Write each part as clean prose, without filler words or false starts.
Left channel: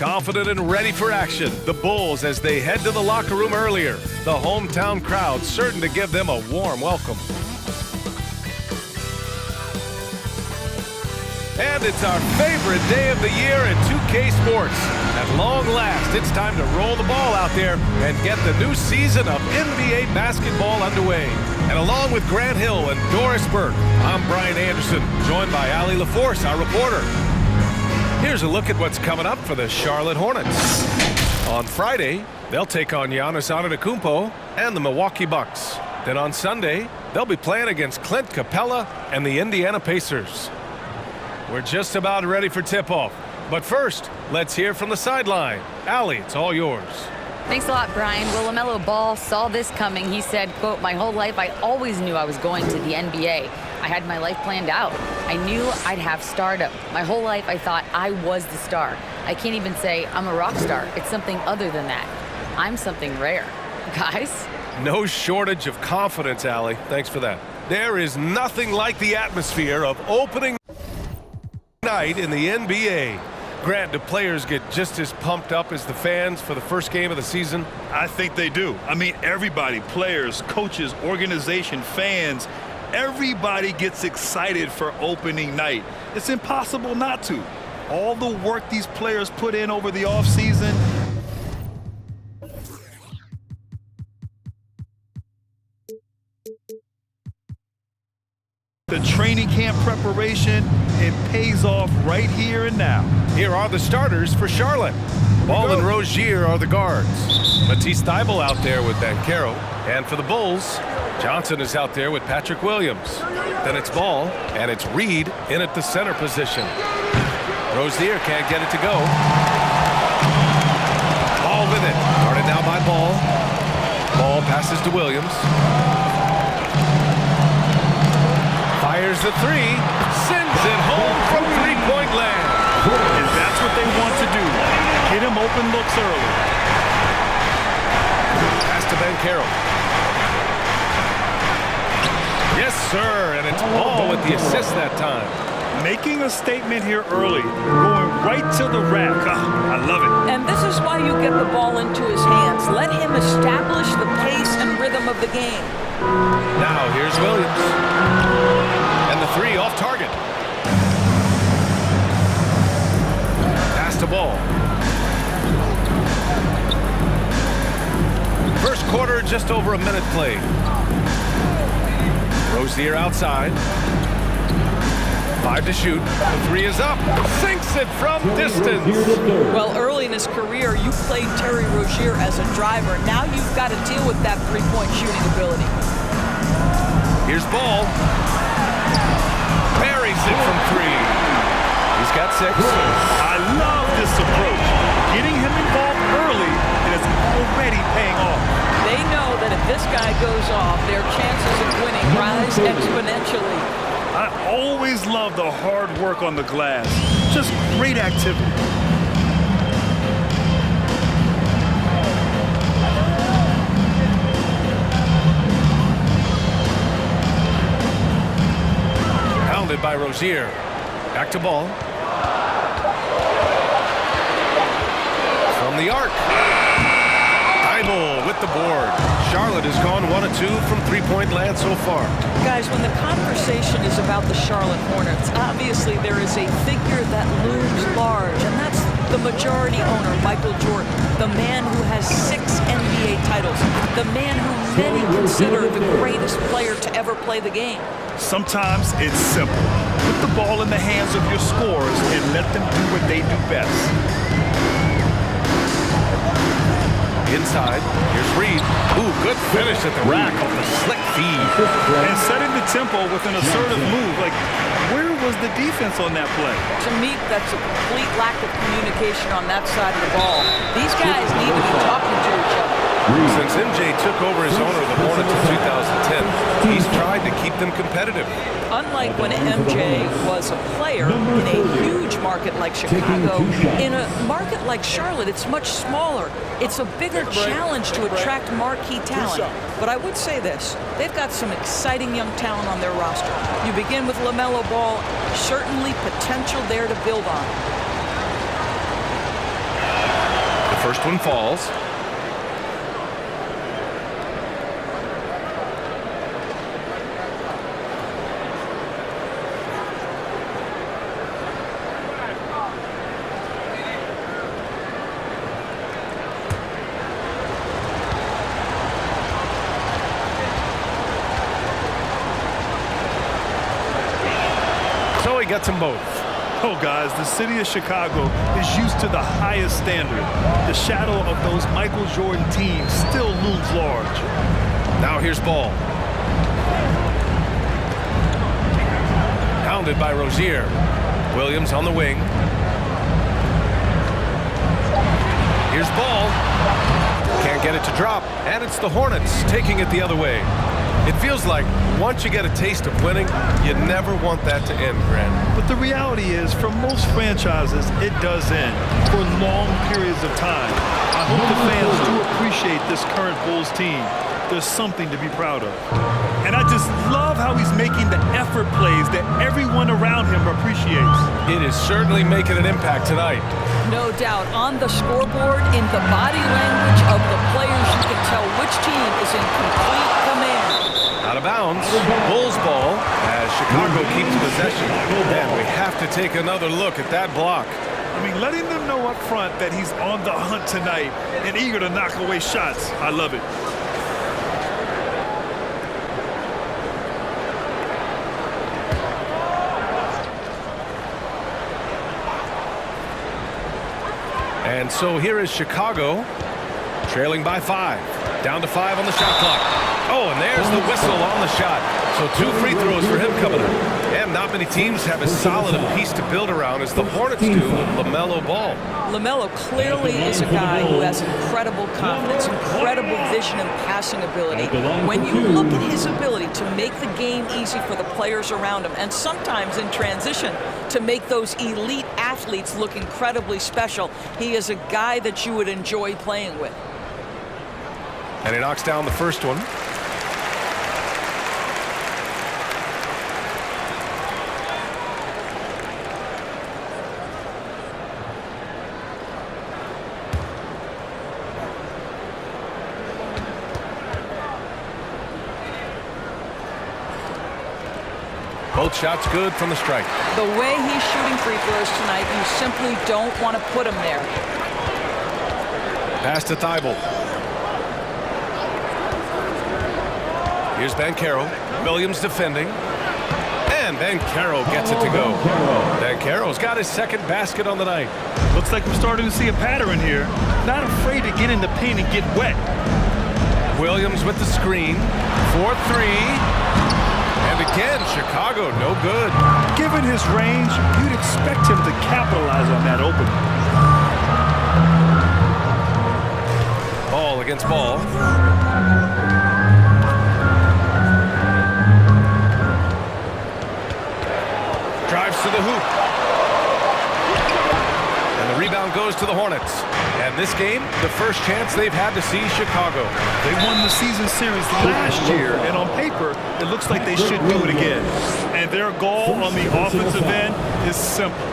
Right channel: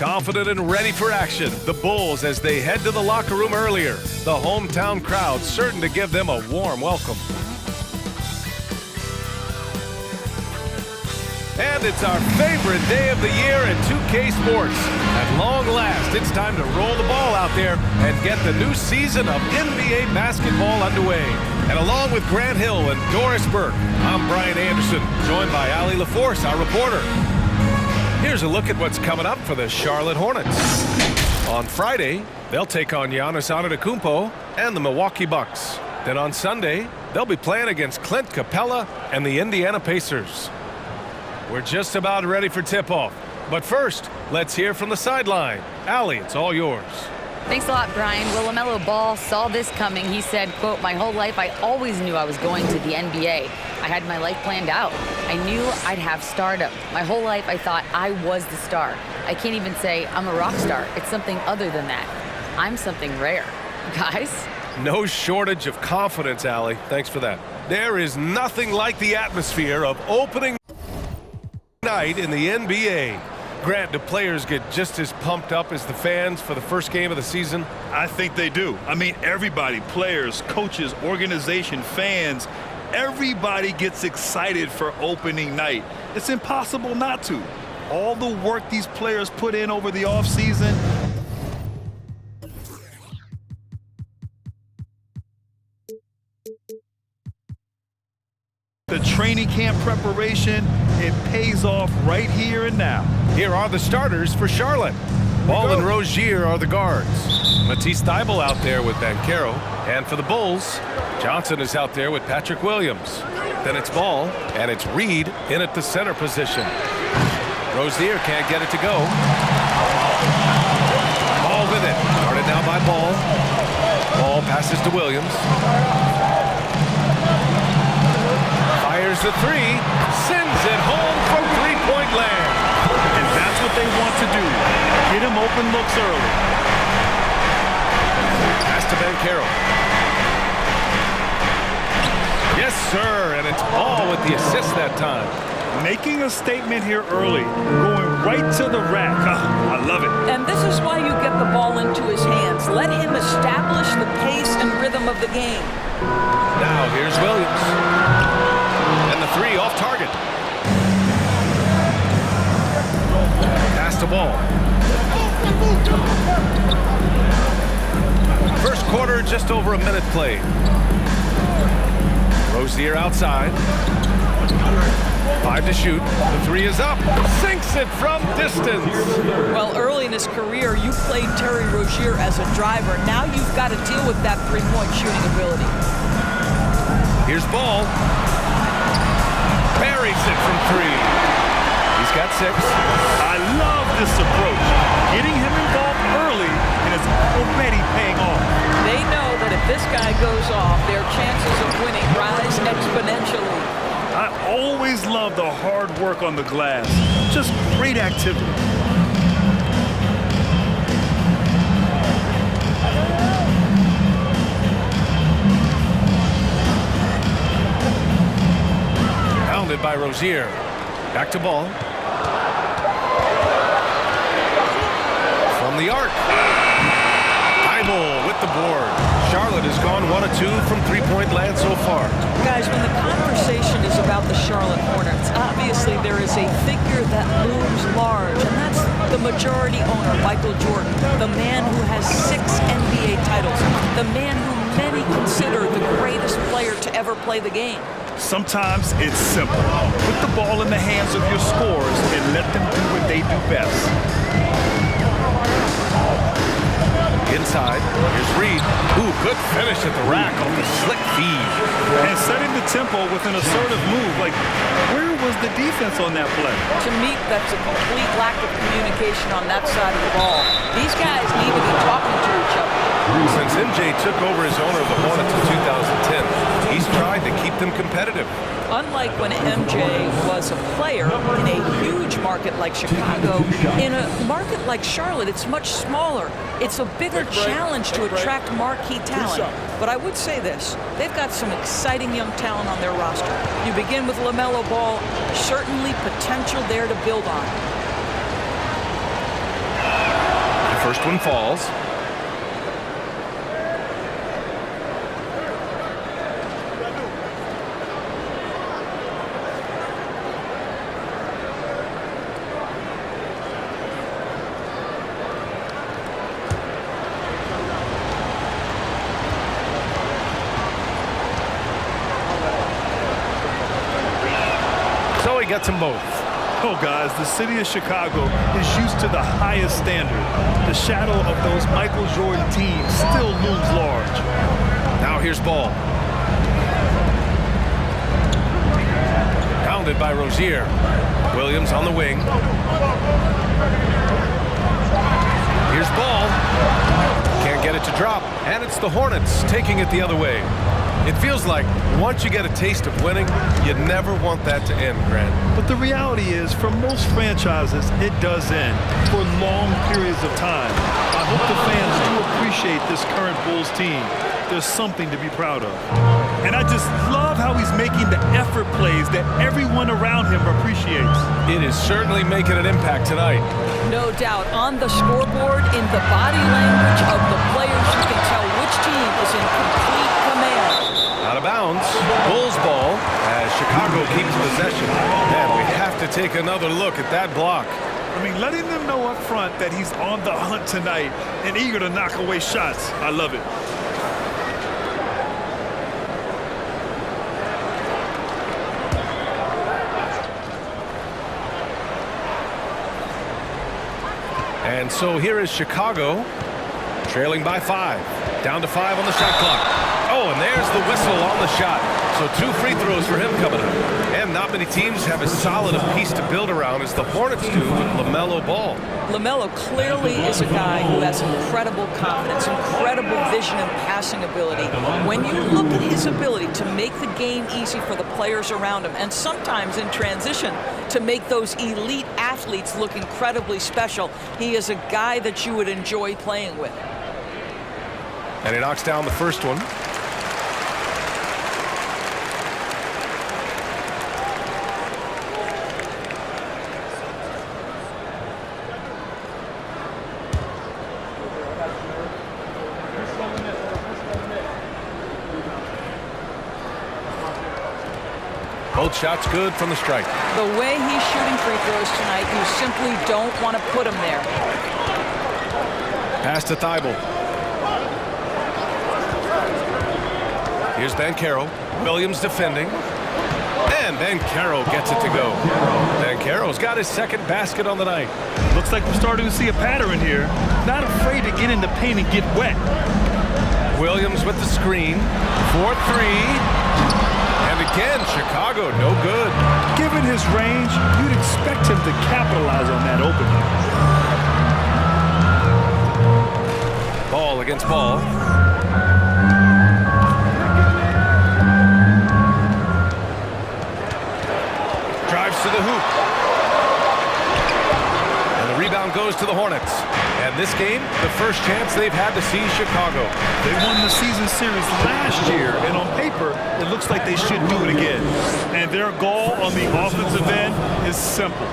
Confident and ready for action, the Bulls as they head to the locker room earlier. The hometown crowd certain to give them a warm welcome. And it's our favorite day of the year in 2K Sports. At long last, it's time to roll the ball out there and get the new season of NBA basketball underway. And along with Grant Hill and Doris Burke, I'm Brian Anderson, joined by Allie LaForce, our reporter. Here's a look at what's coming up for the Charlotte Hornets. On Friday, they'll take on Giannis Antetokounmpo and the Milwaukee Bucks. Then on Sunday, they'll be playing against Clint Capella and the Indiana Pacers. We're just about ready for tip-off. But first, let's hear from the sideline. Allie, it's all yours. Thanks a lot, Brian. Well, LaMelo Ball saw this coming. He said, quote, "My whole life I always knew I was going to the NBA. I had my life planned out. I knew I'd have stardom. My whole life I thought I was the star. I can't even say I'm a rock star. It's something other than that. I'm something rare." Guys? No shortage of confidence, Allie. Thanks for that. There is nothing like the atmosphere of opening night in the NBA. Grant, do players get just as pumped up as the fans for the first game of the season? I think they do. I mean, everybody, players, coaches, organization, fans, everybody gets excited for opening night. It's impossible not to. All the work these players put in over the offseason. The training camp preparation, it pays off right here and now. Here are the starters for Charlotte. Ball and Rozier are the guards. Matisse Thybulle out there with Banchero. And for the Bulls, Johnson is out there with Patrick Williams. Then it's Ball, and it's Reed in at the center position. Rozier can't get it to go. Ball with it. Guarded now by Ball. Ball passes to Williams. Fires the three, sends it home from three-point land. And that's what they want to do. Get him open looks early. Pass to Banchero. Yes, sir, and it's Ball with the assist that time. Making a statement here early, going right to the rack. I love it. And this is why you get the ball into his hands. Let him establish the pace and rhythm of the game. Now here's Williams. And the three off target. Pass to Ball. First quarter, just over a minute played. Rozier outside. 5 to shoot. The three is up. Sinks it from distance. Well, early in his career, you played Terry Rozier as a driver. Now you've got to deal with that three-point shooting ability. Here's Ball. Buries it from 3. He's got 6. I love this approach. Getting him involved early, and it's already paying off. They know that if this guy goes off, their chances of winning rise exponentially. I always love the hard work on the glass. Just great activity. Pounded by Rozier. Back to Ball. From the arc. Thybulle with the board. Charlotte has gone 1 of 2 from three-point land so far. Guys, when the conversation is about the Charlotte Hornets, obviously there is a figure that looms large, and that's the majority owner, Michael Jordan, the man who has 6 NBA titles, the man who many consider the greatest player to ever play the game. Sometimes it's simple. Put the ball in the hands of your scorers and let them do what they do best. Inside, here's Reed. Ooh, good finish at the rack off the slick feed. And setting the tempo with an assertive move. Like, where was the defense on that play? To me, that's a complete lack of communication on that side of the ball. These guys need to be talking to each other. Since MJ took over as owner of the Hornets in 2010, he's tried to keep them competitive. Unlike when MJ was a player in a huge market like Chicago, in a market like Charlotte, it's much smaller. It's a bigger challenge to attract marquee talent. But I would say this, they've got some exciting young talent on their roster. You begin with LaMelo Ball, certainly potential there to build on. First one falls. So he gets them both. Oh, guys, the city of Chicago is used to the highest standard. The shadow of those Michael Jordan teams still looms large. Now here's Ball. Pounded by Rozier. Williams on the wing. Here's Ball. Can't get it to drop. And it's the Hornets taking it the other way. It feels like once you get a taste of winning, you never want that to end, Grant. But the reality is, for most franchises, it does end for long periods of time. I hope the fans do appreciate this current Bulls team. There's something to be proud of. And I just love how he's making the effort plays that everyone around him appreciates. It is certainly making an impact tonight. No doubt. On the scoreboard, in the body language of the players, you can tell which team is in complete command. Out of bounds. Bulls ball as Chicago keeps possession. Man, we have to take another look at that block. I mean, letting them know up front that he's on the hunt tonight and eager to knock away shots. I love it. And so here is Chicago, trailing by 5. Down to 5 on the shot clock. Oh, and there's the whistle on the shot. So 2 free throws for him coming up. And not many teams have as solid a piece to build around as the Hornets do with LaMelo Ball. LaMelo clearly is a guy who has incredible confidence, incredible vision and passing ability. When you look at his ability to make the game easy for the players around him, and sometimes in transition to make those elite athletes look incredibly special, he is a guy that you would enjoy playing with. And he knocks down the first one. Both shots good from the stripe. The way he's shooting free throws tonight, you simply don't want to put him there. Pass to Thibault. Here's Banchero. Williams defending. And Banchero gets it to go. Banchero's got his second basket on the night. Looks like we're starting to see a pattern here. Not afraid to get in the paint and get wet. Williams with the screen. 4-3. And again, Chicago, no good. Given his range, you'd expect him to capitalize on that opening. Ball against Ball. Drives to the hoop. And the rebound goes to the Hornets. And this game, the first chance they've had to see Chicago. They won the season series last year, and on paper, it looks like they should do it again. And their goal on the offensive end is simple.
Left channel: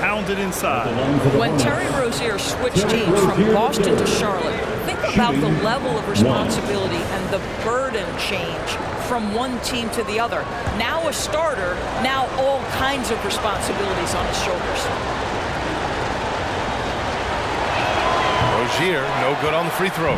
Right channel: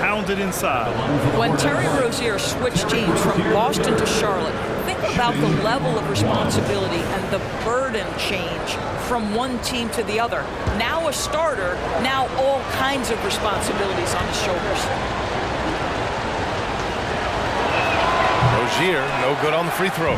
Pound it inside. When Terry Rozier switched teams from Boston to Charlotte, think about the level of responsibility and the burden change from one team to the other. Now a starter, now all kinds of responsibilities on his shoulders. Rozier, no good on the free throw.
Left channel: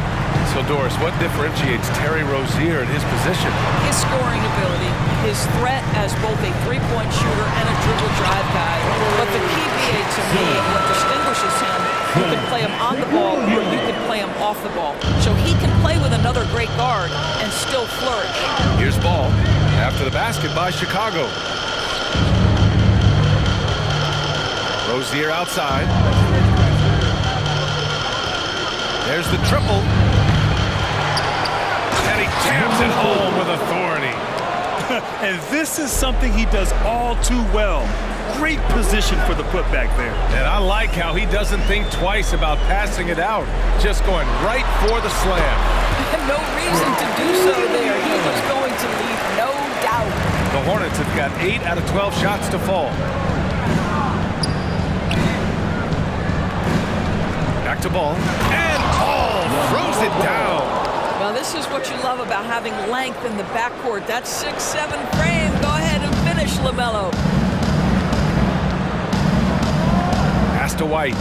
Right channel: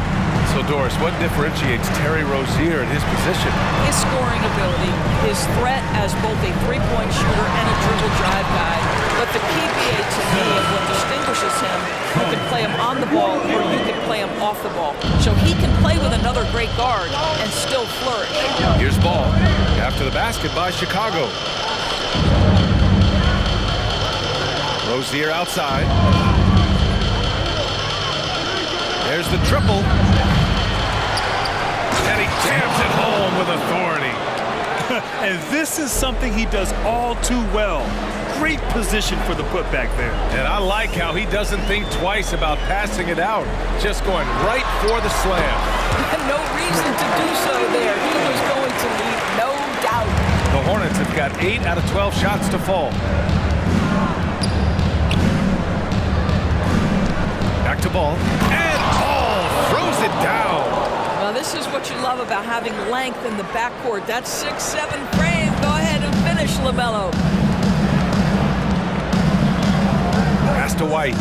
So, Doris, what differentiates Terry Rozier in his position? His scoring ability, his threat as both a three-point shooter and a dribble drive guy. But the key BA to me and what distinguishes him, you can play him on the ball or you can play him off the ball. So he can play with another great guard and still flourish. Here's Ball after the basket by Chicago. Rozier outside. There's the triple. And he jams it home with authority. And this is something he does all too well. Great position for the putback there. And I like how he doesn't think twice about passing it out. Just going right for the slam. No reason to do so there. He was going to leave, no doubt. The Hornets have got 8 out of 12 shots to fall. Back to ball. And Ball throws it down. Well, this is what you love about having length in the backcourt. That 6'7" frame. Go ahead and finish, LaMelo. Pass to White.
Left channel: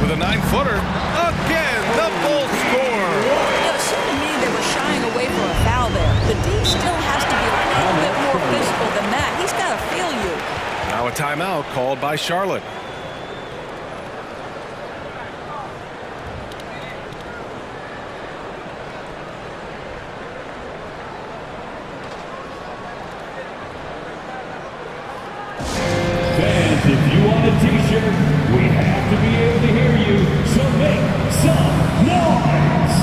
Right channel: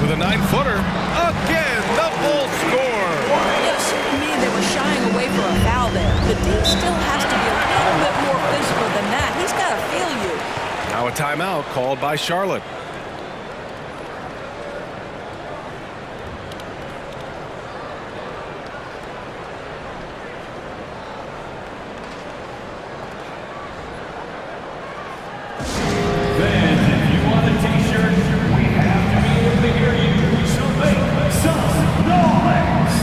With a 9-footer. Again, the Bulls score. Yeah, it seemed to me they were shying away from a foul there. The D still has to be a little bit more physical than that. He's got to feel you. Now a timeout called by Charlotte. Fans, if you want a t-shirt, we have to be able to hear you, so make some noise!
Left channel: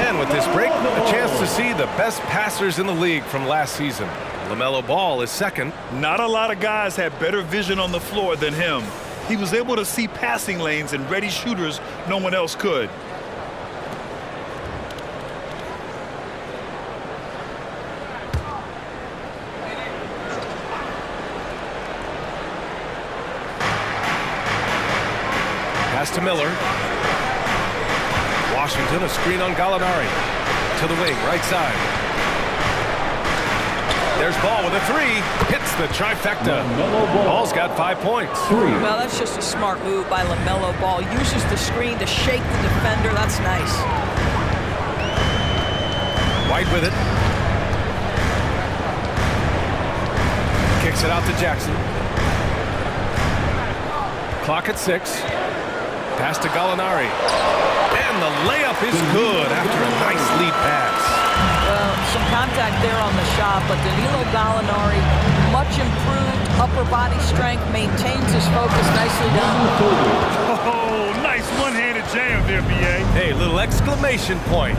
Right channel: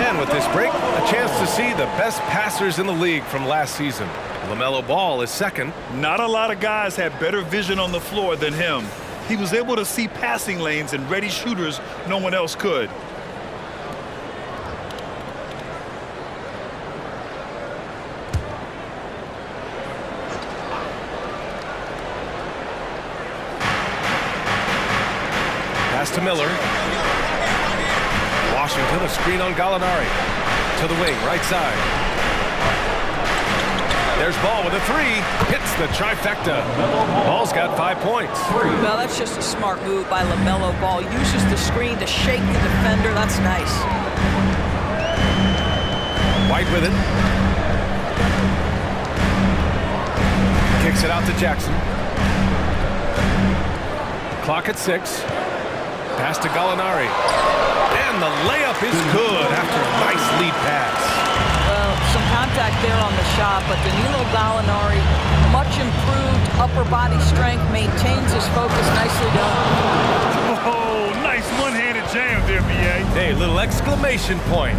And with this break, a chance to see the best passers in the league from last season. LaMelo Ball is second. Not a lot of guys had better vision on the floor than him. He was able to see passing lanes and ready shooters no one else could. Pass to Miller. Washington, a screen on Gallinari. To the wing, right side. There's Ball with a three. Hits the trifecta. Ball's got 5 points. Well, that's just a smart move by LaMelo Ball. Uses the screen to shake the defender. That's nice. White with it. Kicks it out to Jackson. Clock at 6. Pass to Gallinari. And the layup is good after a nice lead pass. Well, some contact there on the shot, but Danilo Gallinari, much improved upper body strength, maintains his focus. Nicely done. Oh, nice one-handed jam there, B.A. Hey, little exclamation point.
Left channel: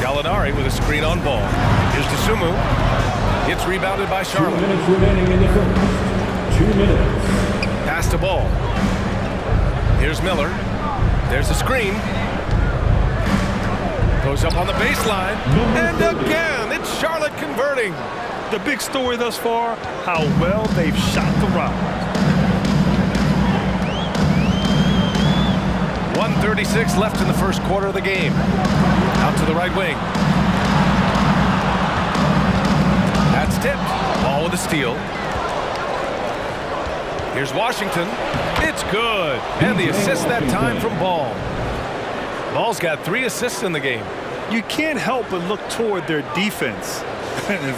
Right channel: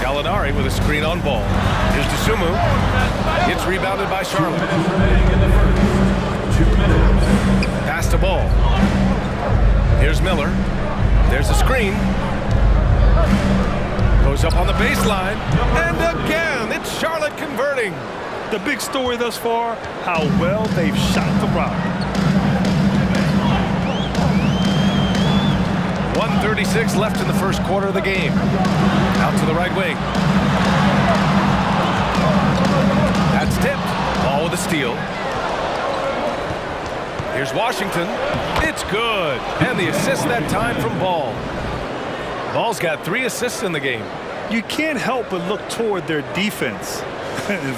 Gallinari with a screen on Ball. Here's Dosunmu. It's rebounded by Charlotte. 2 minutes remaining in the first. 2 minutes. Pass to Ball. Here's Miller. There's a screen. Goes up on the baseline. And again, it's Charlotte converting. The big story thus far, how well they've shot the rock. 1:36 left in the first quarter of the game. Out to the right wing. That's tipped. Ball with a steal. Here's Washington. It's good. And the assist that time from Ball. Ball's got 3 assists in the game. You can't help but look toward their defense.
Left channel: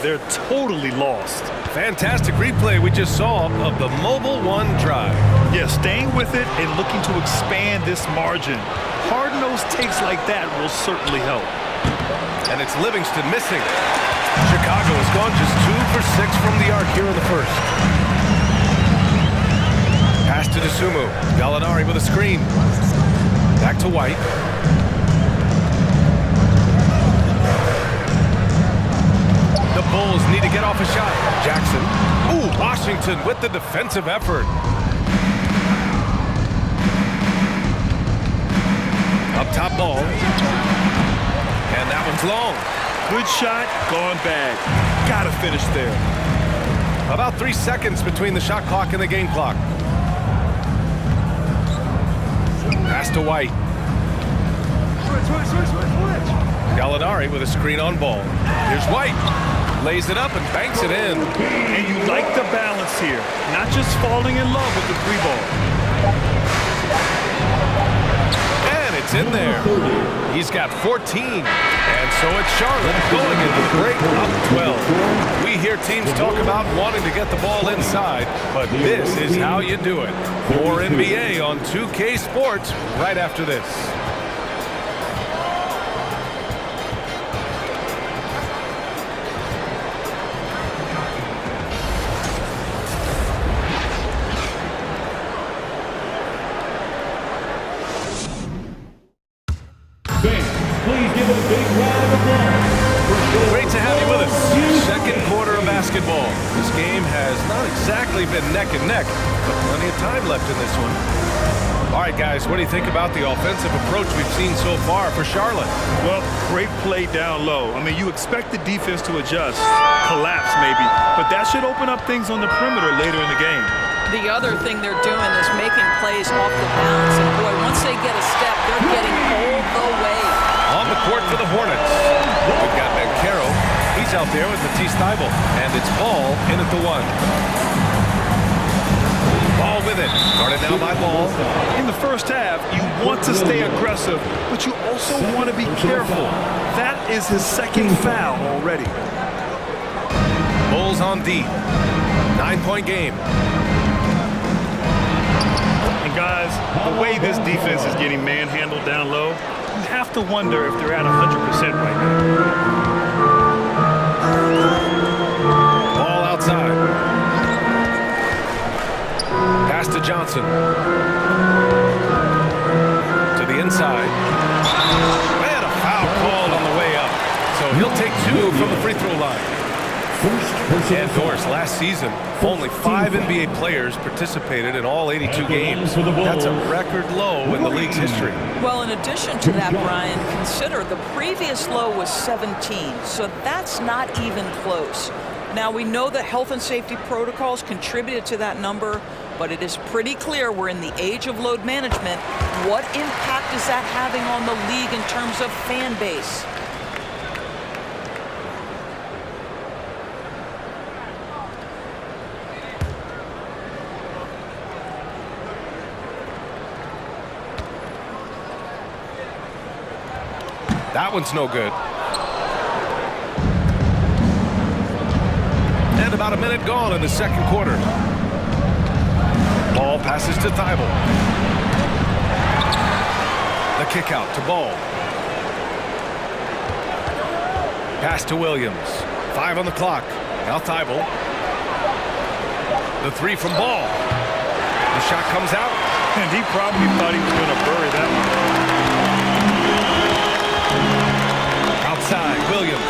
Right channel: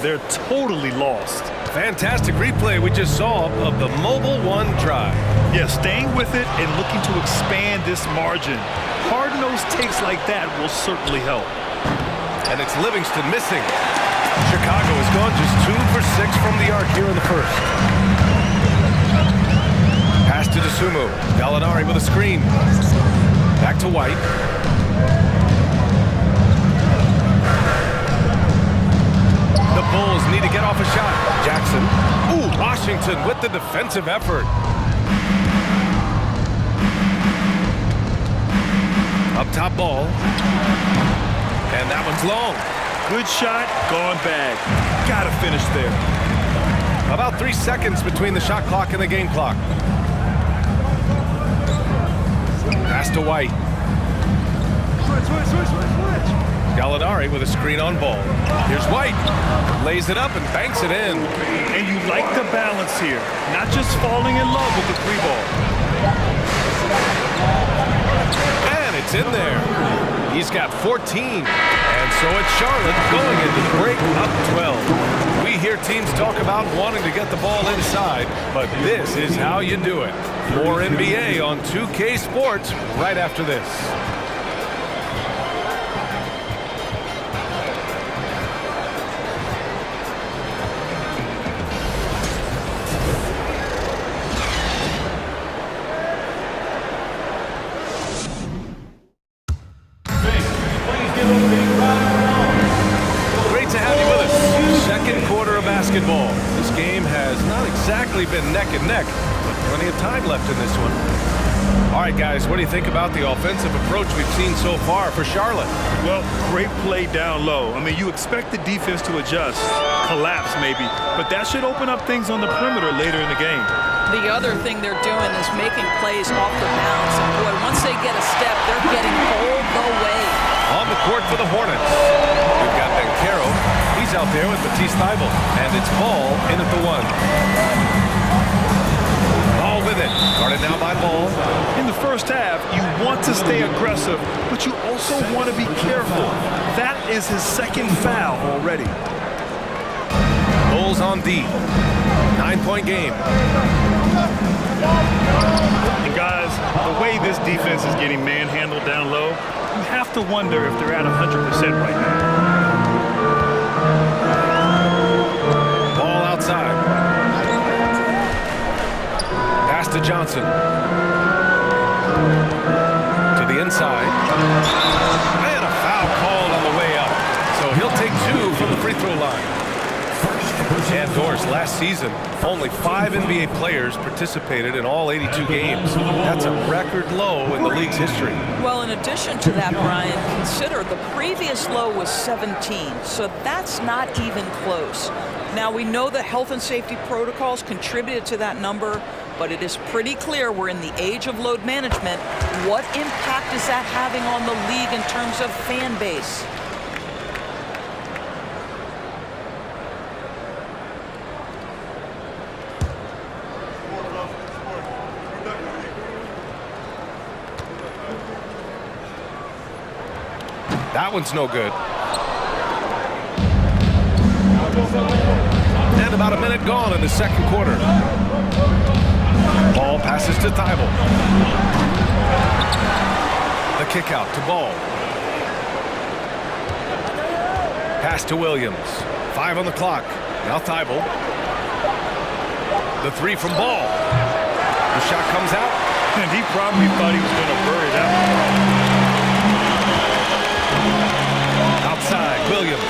They're totally lost. Fantastic replay we just saw of the Mobile One drive. Yeah, staying with it and looking to expand this margin. Hard-nosed takes like that will certainly help. And it's Livingston missing. Chicago has gone just 2 for 6 from the arc here in the first. Pass to Dosunmu. Gallinari with a screen. Back to White. The Bulls need to get off a shot. Jackson. Ooh, Washington with the defensive effort. Up top Ball. And that one's long. Good shot, gone bad. Gotta finish there. About 3 seconds between the shot clock and the game clock. Pass to White. Switch. Gallinari with a screen on Ball. Here's White. Lays it up and banks it in. And you like the balance here. Not just falling in love with the 3-ball. And it's in there. He's got 14. And so it's Charlotte going into the break up 12. We hear teams talk about wanting to get the ball inside, but this is how you do it. More NBA on 2K Sports right after this. Great to have you with us. Second quarter of basketball. This game has not exactly been neck and neck, but plenty of time left in this one. All right, guys, what do you think about the offensive approach we've seen so far for Charlotte? Well, great play down low. I mean, you expect the defense to adjust, collapse maybe, but that should open up things on the perimeter later in the game. The other thing they're doing is making plays off the bounce. And boy, once they get a step, they're getting all the way. On the court for the Hornets, we've got Banchero. He's out there with Matisse Thybulle, and it's Ball in at the 1. Ball with it, guarded now by Ball. In the first half, you want to stay aggressive, but you also want to be careful. That is his second foul already. Bulls on D. 9-point game. And guys, the way this defense is getting manhandled down low, you have to wonder if they're at 100% right now. Ball outside. Pass to Johnson. To the inside. And a foul called on the way up. So he'll take 2 from the free throw line. And Doris, last season, only 5 NBA players participated in all 82 games. That's a record low in the league's history. Well, in addition to that, Brian, consider the previous low was 17, so that's not even close. Now, we know that health and safety protocols contributed to that number, but it is pretty clear we're in the age of load management. What impact is that having on the league in terms of fan base? That one's no good. And about a minute gone in the second quarter. Ball passes to Thybulle. The kick out to Ball. Pass to Williams. 5 on the clock. Now Thybulle. The 3 from Ball. The shot comes out. And he probably thought he was going to bury that one. Outside, Williams.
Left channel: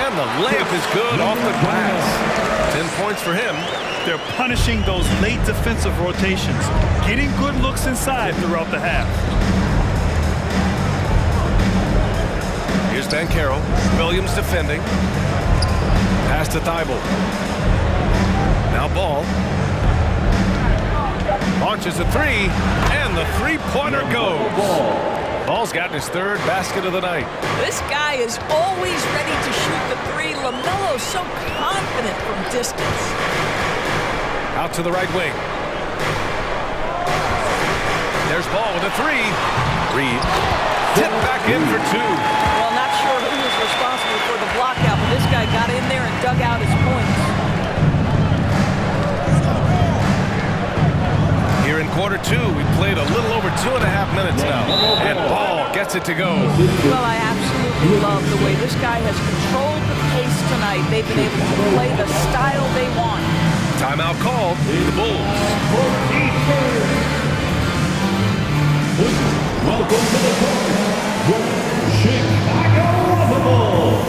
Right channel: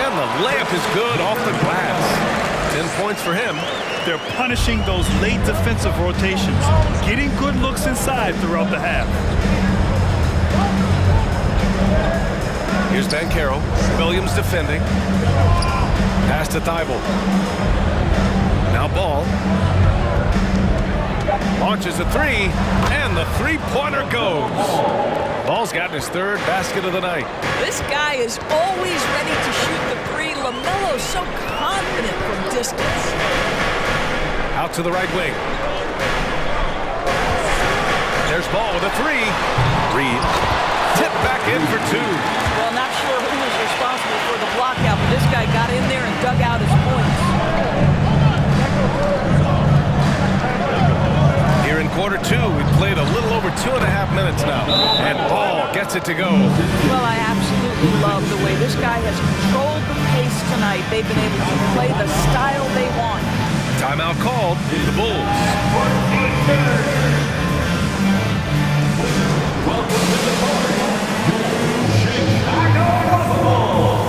And the layup is good off the glass. 10 points for him. They're punishing those late defensive rotations, getting good looks inside throughout the half. Here's Banchero. Williams defending. Pass to Thybulle. Now Ball. Launches a 3, and the three-pointer goes. Ball's gotten his 3rd basket of the night. This guy is always ready to shoot the 3. LaMelo's so confident from distance. Out to the right wing. There's Ball with a 3. Reed. Tipped back in for 2. Well, not sure who was responsible for the block out, but this guy got in there and dug out his points. Here in quarter 2, we've played a little over 2.5 minutes now. And Ball gets it to go. Well, I absolutely love the way this guy has controlled the pace tonight. They've been able to play the style they want. Timeout called. The Bulls. Welcome to the party, Chicago Bulls.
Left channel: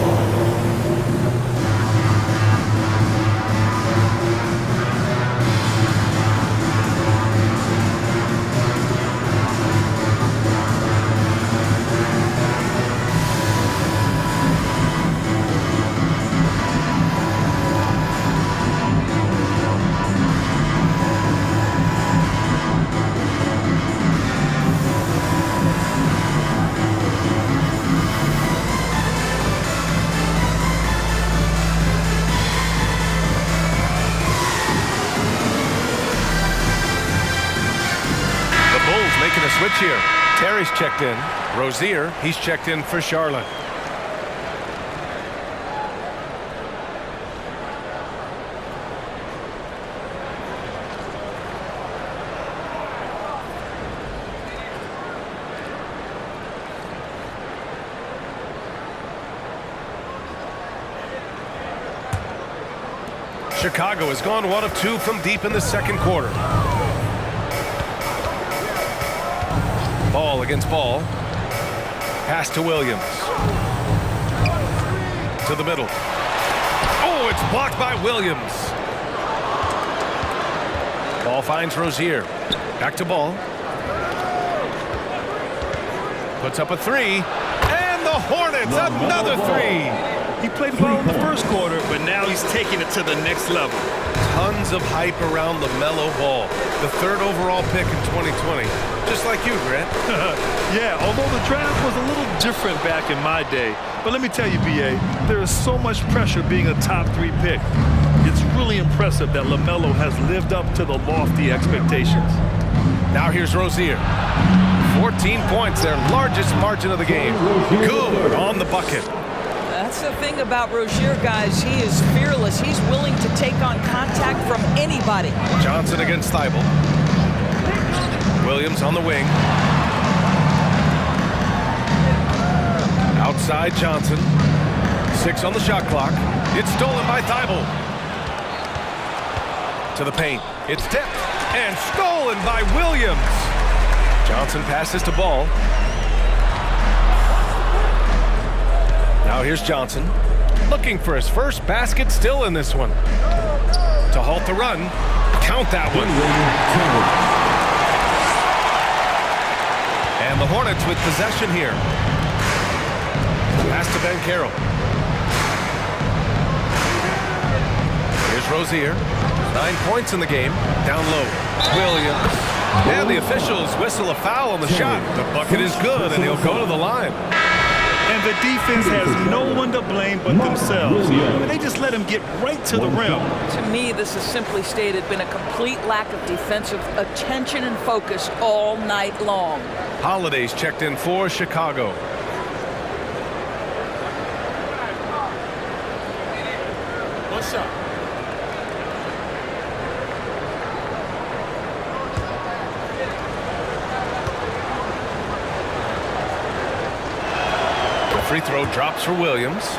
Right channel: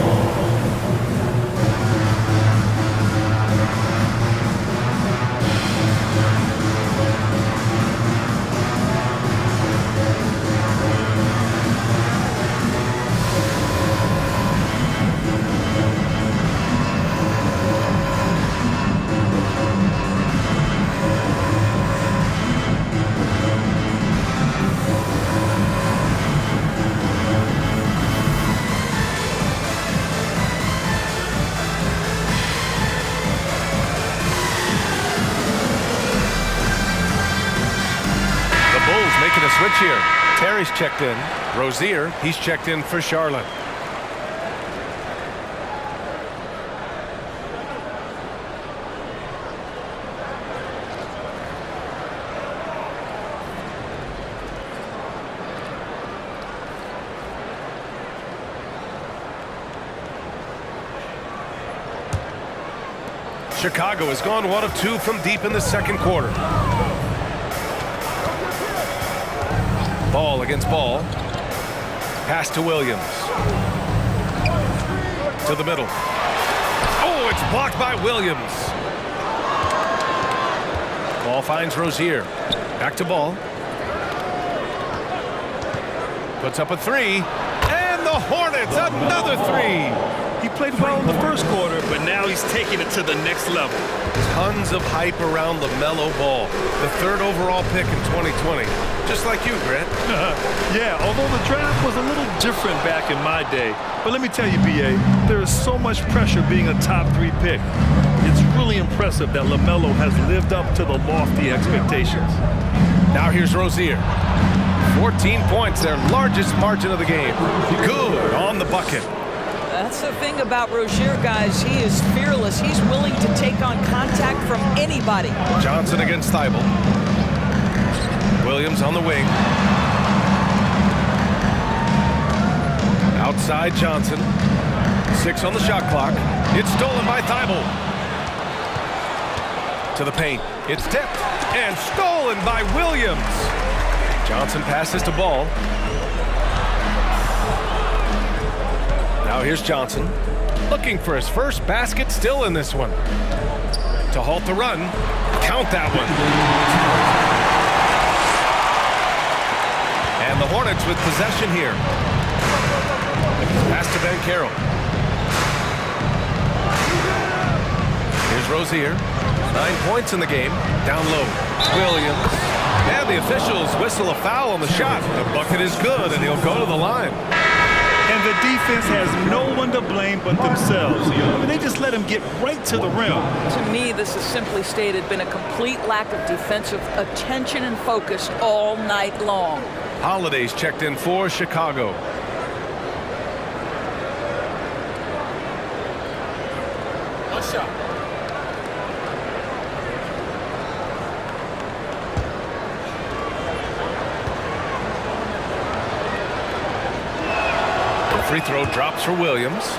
Making a switch here. Terry's checked in. Rozier, he's checked in for Charlotte. Chicago has gone 1 of 2 from deep in the second quarter. Ball against ball. Pass to Williams. To the middle. Oh, it's blocked by Williams. Ball finds Rozier. Back to Ball. Puts up a three. And the Hornets, another three. He played well in the first quarter, but now he's taking it to the next level. Tons of hype around LaMelo Ball, the 3rd overall pick in 2020. Just like you, Grant. Yeah, although the draft was a little different back in my day. But let me tell you, B.A., there is so much pressure being a top 3 pick. It's really impressive that LaMelo has lived up to the lofty expectations. Now here's Rozier. 14 points, their largest margin of the game. Good on the bucket. That's the thing about Rozier, guys. He is fearless. He's willing to take on contact from anybody. Johnson against Thibault. Williams on the wing. Outside Johnson. 6 on the shot clock. It's stolen by Thibault. To the paint. It's tipped and stolen by Williams. Johnson passes to Ball. Now here's Johnson, looking for his first basket, still in this one. To halt the run, count that one. And the Hornets with possession here. Pass to Banchero. Here's Rozier, 9 points in the game, down low. Williams, and the officials whistle a foul on the shot. The bucket is good, and he'll go to the line. And the defense has no one to blame but themselves. I mean, they just let him get right to the rim. To me, this has simply stated been a complete lack of defensive attention and focus all night long. Holiday's checked in for Chicago. One shot. Free throw drops for Williams.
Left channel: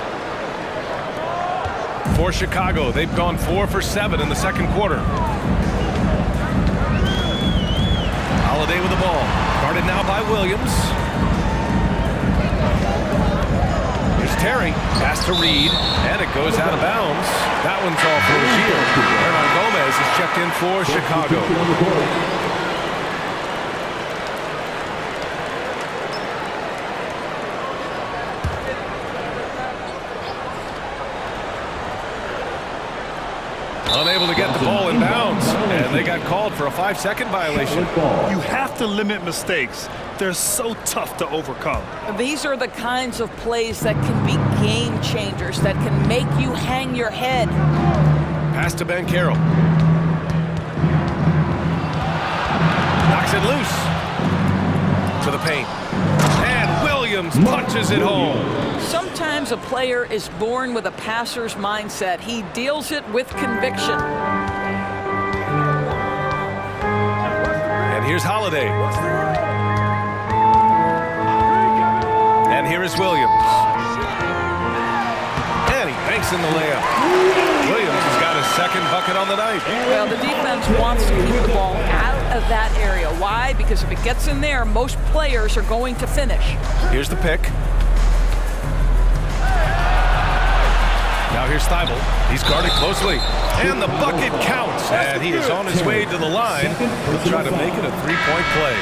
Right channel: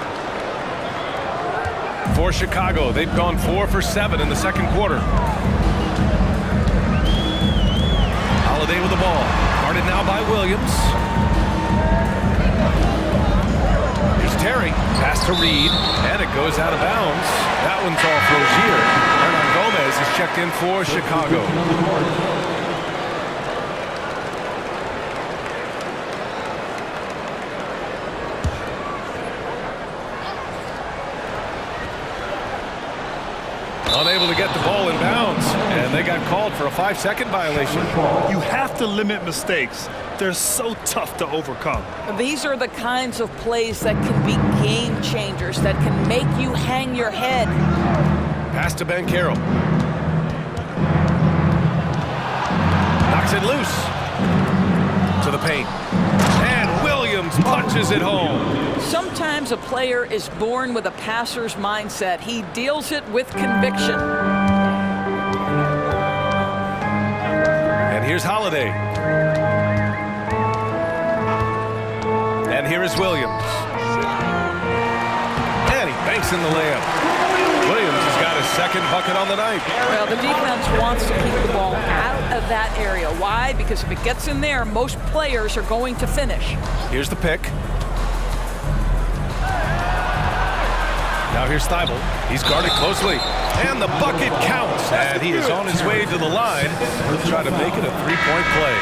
For Chicago, they've gone 4 for 7 in the second quarter. Holiday with the ball. Guarded now by Williams. Here's Terry. Pass to Reed, and it goes out of bounds. That one's off Rozier. Hernan Gomez is checked in for Chicago. Unable to get the ball in bounds, and they got called for a 5-second violation. You have to limit mistakes. They're so tough to overcome. These are the kinds of plays that can be game changers, that can make you hang your head. Pass to Banchero. Knocks it loose. To the paint. And Williams punches it home. Sometimes a player is born with a passer's mindset. He deals it with conviction. And here's Holiday. And here is Williams. And he banks in the layup. Williams has got his second bucket on the night. Well, the defense wants to keep the ball out of that area. Why? Because if it gets in there, most players are going to finish. Here's the pick. Now here's Thibault. He's guarded closely. And the bucket counts. And he is on his way to the line. He'll try to make it a three-point play.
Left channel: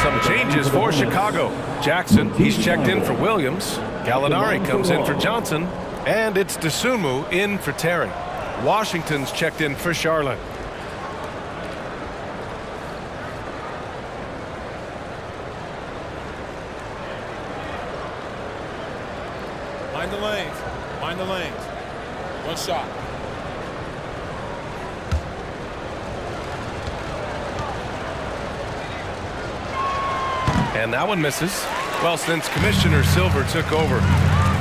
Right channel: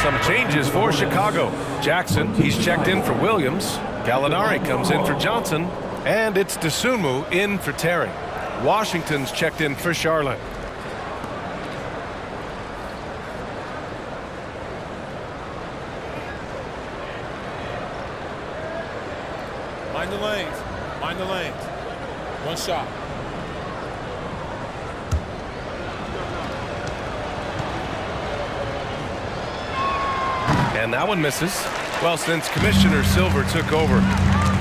Some changes for Chicago. Jackson, he's checked in for Williams. Gallinari comes in for Johnson. And it's Dosunmu in for Terry. Washington's checked in for Charlotte. Mind the lanes. Mind the lanes. One shot. And that one misses. Well, since Commissioner Silver took over,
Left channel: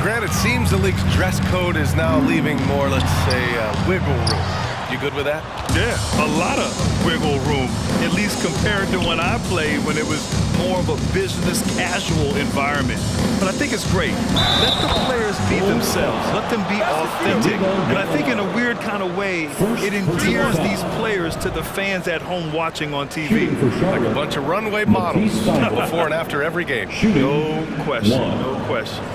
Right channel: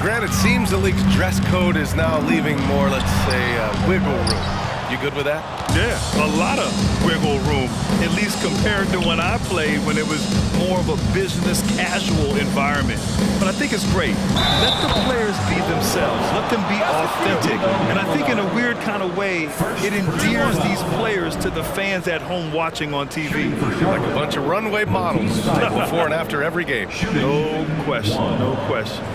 Grant, it seems the league's dress code is now leaving more, let's say, wiggle room. You good with that? Yeah, a lot of wiggle wiggle room, at least compared to when I played when it was more of a business casual environment. But I think it's great. Let the players be themselves. Let them be authentic. And I think in a weird kind of way, it endears these players to the fans at home watching on TV. Like a bunch of runway models before and after every game. No question, no question.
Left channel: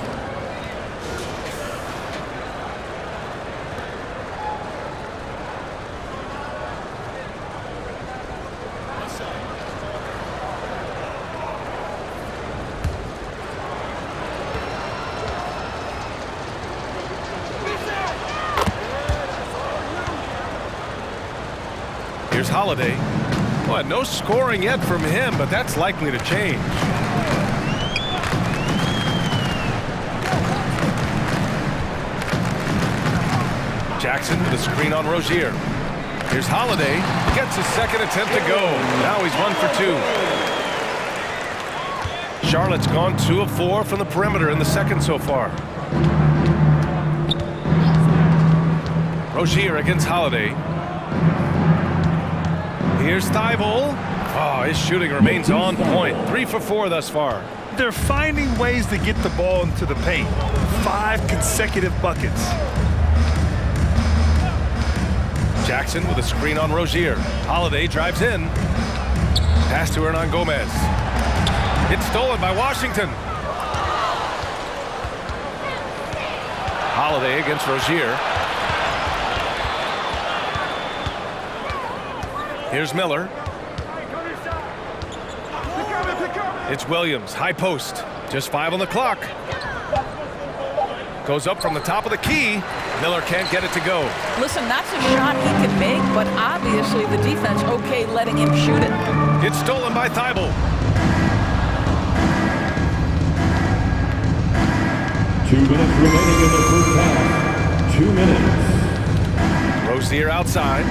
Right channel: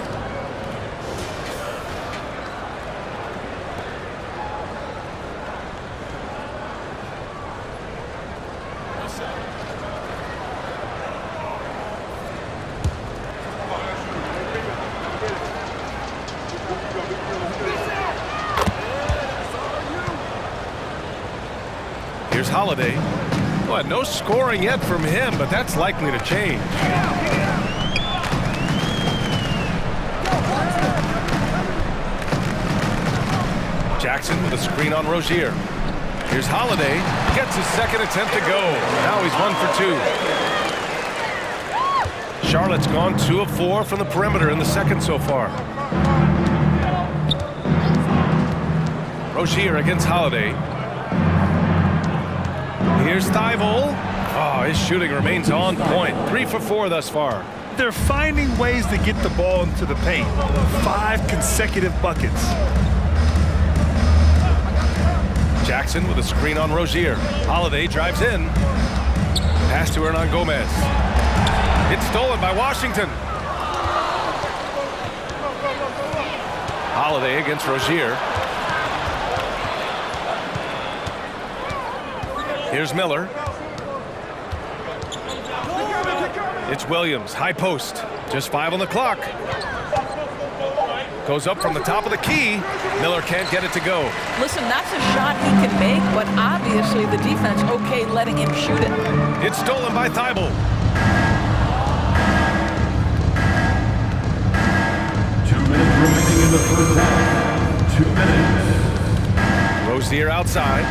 Here's Holiday. Well, no scoring yet from him, but that's likely to change. Jackson with a screen on Rozier. Here's Holiday. Gets his second attempt to go. Now he's 1 for 2. Charlotte's gone 2 of 4 from the perimeter in the second so far. Rozier against Holiday. Here's Thibault. Oh, his shooting remains on point. 3 for 4 thus far. They're finding ways to get the ball into the paint. 5 consecutive buckets. Jackson with a screen on Rozier. Holiday drives in. Pass to Hernan Gomez. It's stolen by Washington. Holiday against Rozier. Here's Miller. It's Williams, high post. Just 5 on the clock. Goes up from the top of the key. Miller can't get it to go. Listen, that's a shot he can make, but obviously the defense okay letting him shoot it. It's stolen by Thibault. 2 minutes remaining in the first half. 2 minutes. Rozier outside.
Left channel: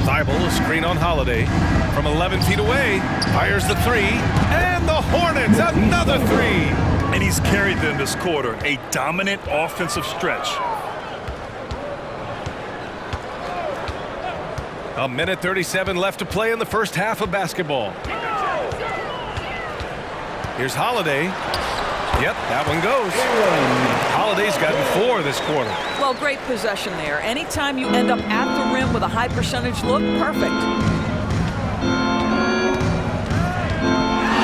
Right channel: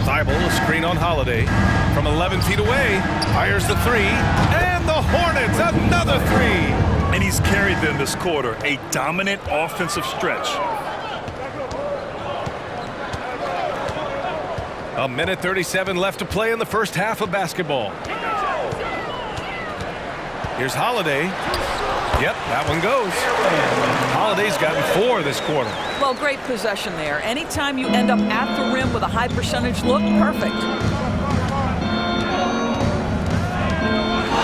Thibault, a screen on Holiday. From 11 feet away, fires the 3. And the Hornets, another 3. And he's carried them this quarter. A dominant offensive stretch. A minute 37 left to play in the first half of basketball. Here's Holiday. Yep, that one goes. Holiday's gotten 4 this quarter. Well, great possession there. Anytime you end up at the rim with a high percentage look, perfect.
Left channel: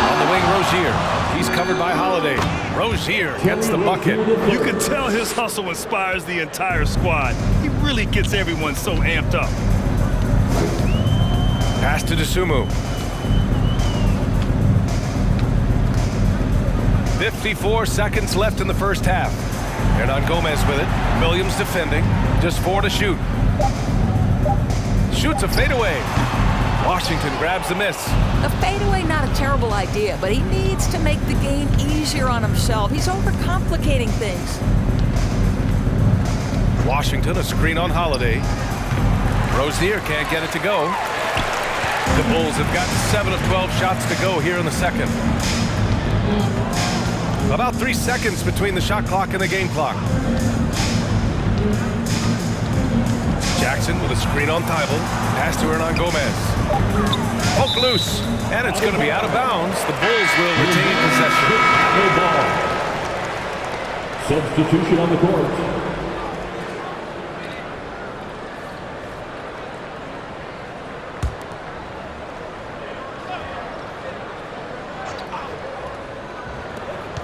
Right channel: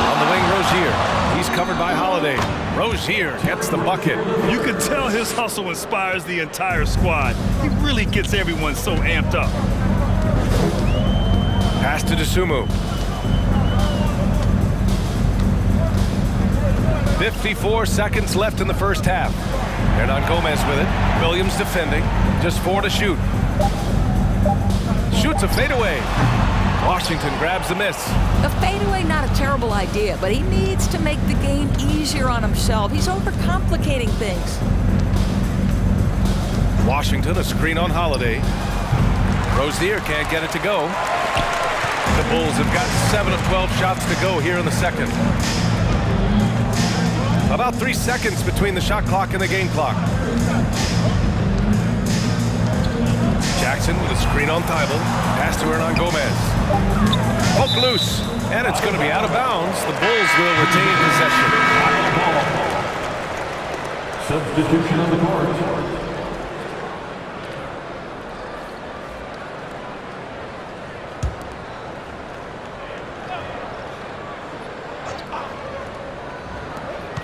On the wing, Rozier. He's covered by Holiday. Rozier gets the bucket. You can tell his hustle inspires the entire squad. He really gets everyone so amped up. Pass to Dosunmu. 54 seconds left in the first half. Hernan Gomez with it. Williams defending. Just 4 to shoot. Shoots a fadeaway. Washington grabs the miss. A fadeaway, not a terrible idea, but he needs to make the game easier on himself. He's overcomplicating things. Washington, a screen on Holiday. Rozier can't get it to go. The Bulls have got 7 of 12 shots to go here in the second. About 3 seconds between the shot clock and the game clock. Jackson with a screen on Thibault. Pass to Hernan Gomez. Poke loose. And it's going to be out of bounds. The Bulls will retain possession. Substitution on the court.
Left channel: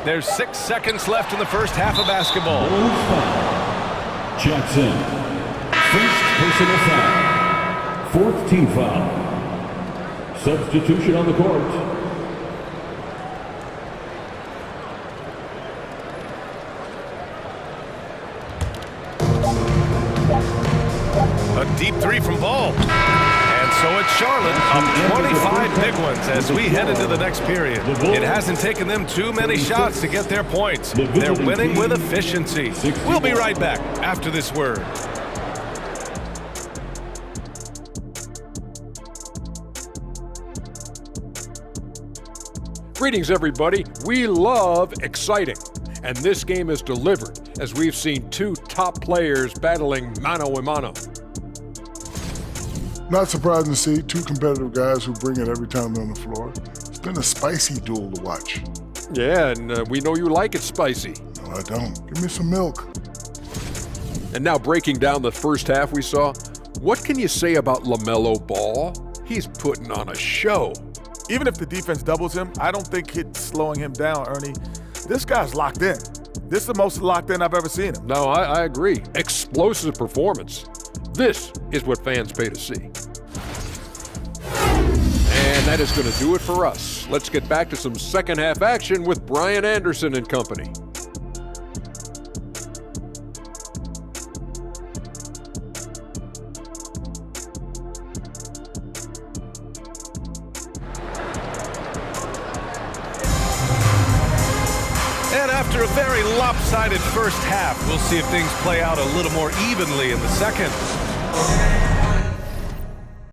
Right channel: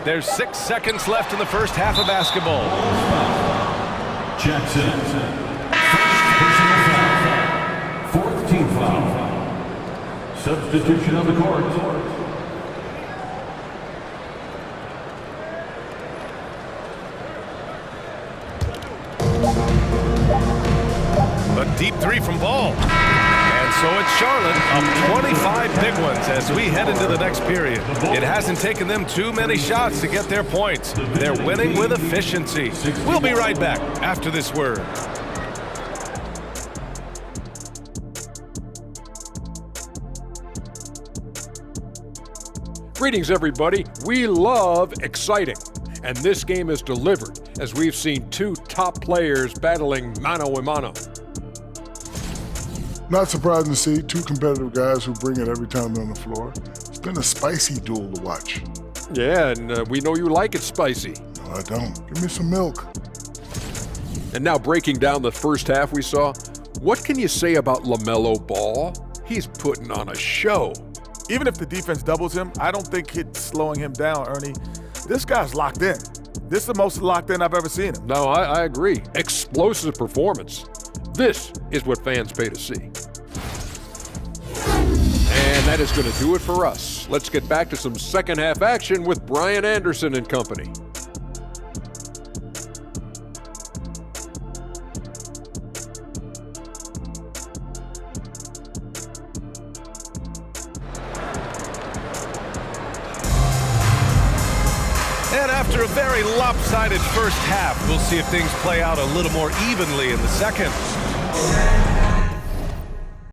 There's 6 seconds left in the first half of basketball. Jackson. First personal foul. 4th team foul. Substitution on the court. A deep 3 from Ball. And so it's Charlotte up 25 big ones as we head into the next period. It hasn't taken them too many shots to get their points. They're winning with efficiency. We'll be right back after this word. Greetings, everybody. We love exciting, and this game is delivered as we've seen 2 top players battling mano a mano. Not surprising to see two competitive guys who bring it every time they're on the floor. It's been a spicy duel to watch. Yeah, and we know you like it spicy. No, I don't. Give me some milk. And now breaking down the first half we saw, what can you say about LaMelo Ball? He's putting on a show. Even if the defense doubles him, I don't think it's slowing him down, Ernie. This guy's locked in. This is the most locked in I've ever seen him. No, I agree. Explosive performance. This is what fans pay to see. And that is going to do it for us. Let's get back to some second half action with Brian Anderson and company. And after a very lopsided first half, we'll see if things play out a little more evenly in the second.